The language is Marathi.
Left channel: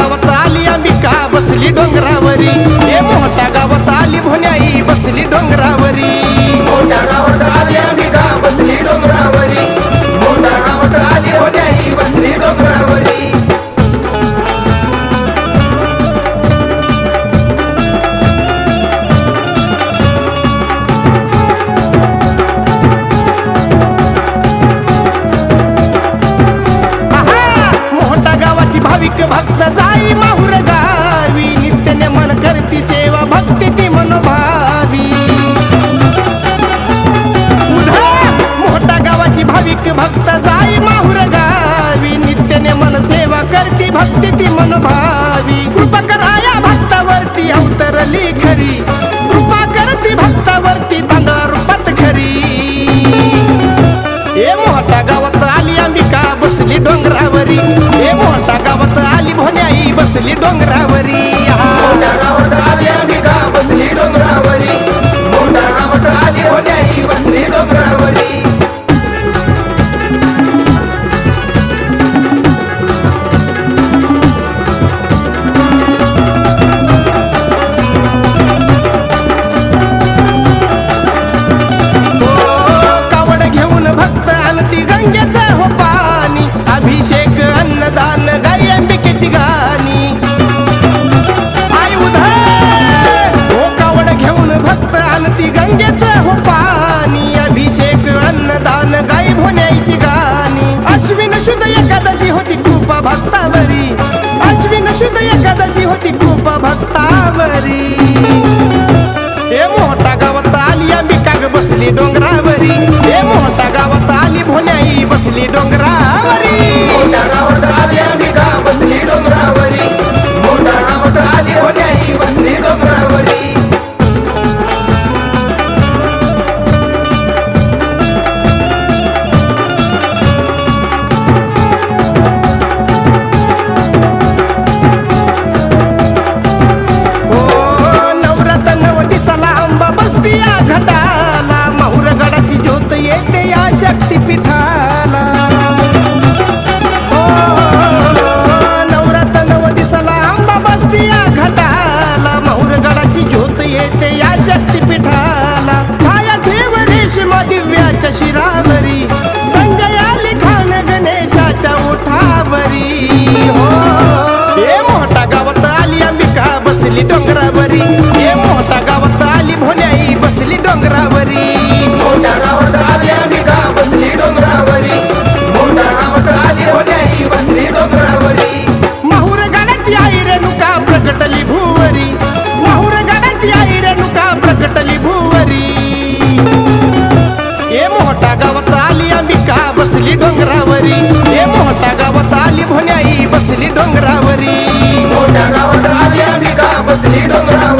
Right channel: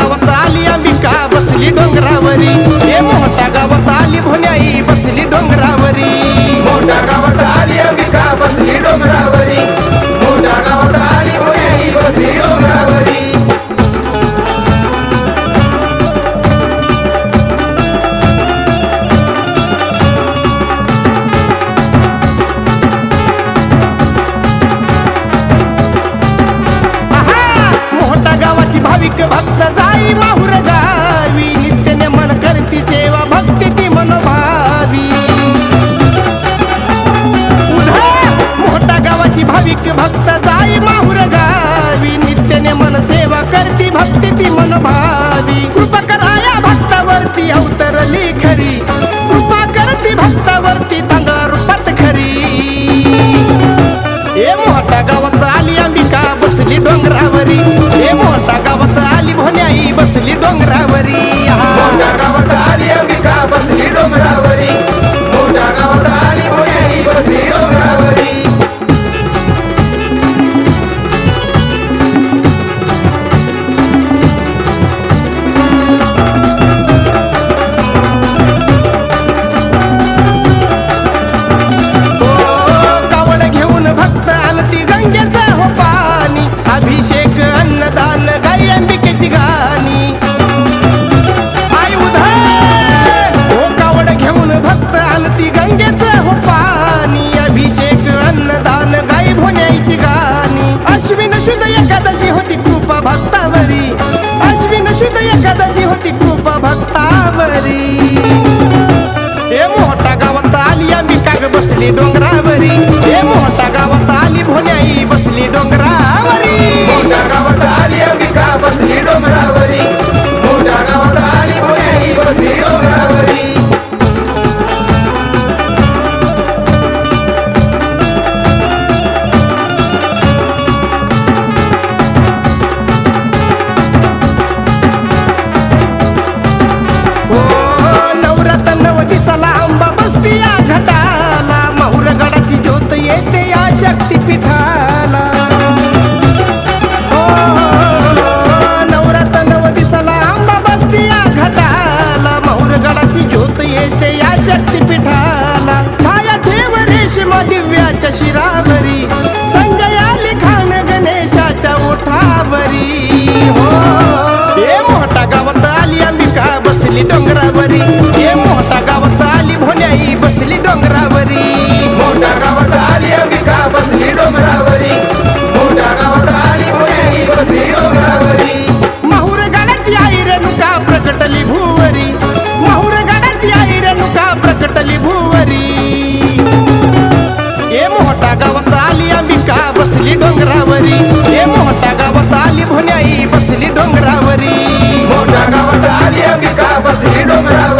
गावात आली अंबिका बसली डोंगरावरी, ए मोठ्या गावात आली भोण्याई बसली डोंगरावरी, मोठ्या गावात आली अंबिका बसली डोंगरावरी, मोठ्या गावात आली भोण्याई बसली डोंगरावरी. गावाची भाविक भक्त जाई माहुर गावी, नित्य नेमन करती सेवा भक्ती ती मनोभावी. मोठा गावाची भाविक भक्त जाई माहुर गावी, नित्य नेमन सेवा करती भक्ती ती मनोभावी. कृपा कराया भक्तावरती अवतरली खरी, कृपा करती भक्तावरती तांदळा रूपात खरी. ए मोठ्या गावात आली अंबिका बसली डोंगरावरी, ए मोठ्या गावात आली भोण्याई बसली डोंगरावरी. मोठ्या गावात आली अंबिका बसली डोंगरावरी, मोठ्या गावात आली भोण्याई बसली डोंगरावरी. भक्त आणती गंगेचं हो पाणी, अभिषेक अन्नदान गाई अंबिकेची गाणी. आई उधळ हो कावड घेऊन भक्त आणती गंगेचं हो पाणी, अभिषेक अन्नदान गाई भोण्याईची गाणी. अश्विन शुद्ध एकादशी होती कृपा भक्तावरी, अश्विन शुद्ध एकादशी होती कृपा भक्तावरी. ए मोठ्या गावात आली अंबिका बसली डोंगरावरी, ए मोठ्या गावात आली भोण्याई बसली डोंगरावरी. मोठ्या गावात आली अंबिका बसली डोंगरावरी, मोठ्या गावात आली भोण्याई बसली डोंगरावरी. दिसाला अंबा बसती या घटाला, माहुर गडाची ज्योत येते या शक्तीपीठाला. नवरात्र 9 दिसाला अंबा बसती या घटाला, माहुर गडाची ज्योत येते या शक्तीपीठाला. छाया ठेव रेशमा दिव्याच्या शिरावरी, संजया लिखाण गणेशाच्या ओठावरी. हो ए मोठ्या गावात आली अंबिका बसली डोंगरावरी, ए मोठ्या गावात आली भोण्याई बसली डोंगरावरी. मोठ्या गावात आली अंबिका बसली डोंगरावरी, मोठ्या गावात आली भोण्याई बसली डोंगरावरी. माहुर गडाची आई रेणुका प्रकटली भुवरी, माहुर गडाची आई रेणुका प्रकटली भुवरी. ए मोठ्या गावात आली अंबिका बसली डोंगरावरी, ए मोठ्या गावात आली भोण्याई बसली डोंगरावरी. मोठ्या गावात आली अंबिका बसली डोंगरावरी.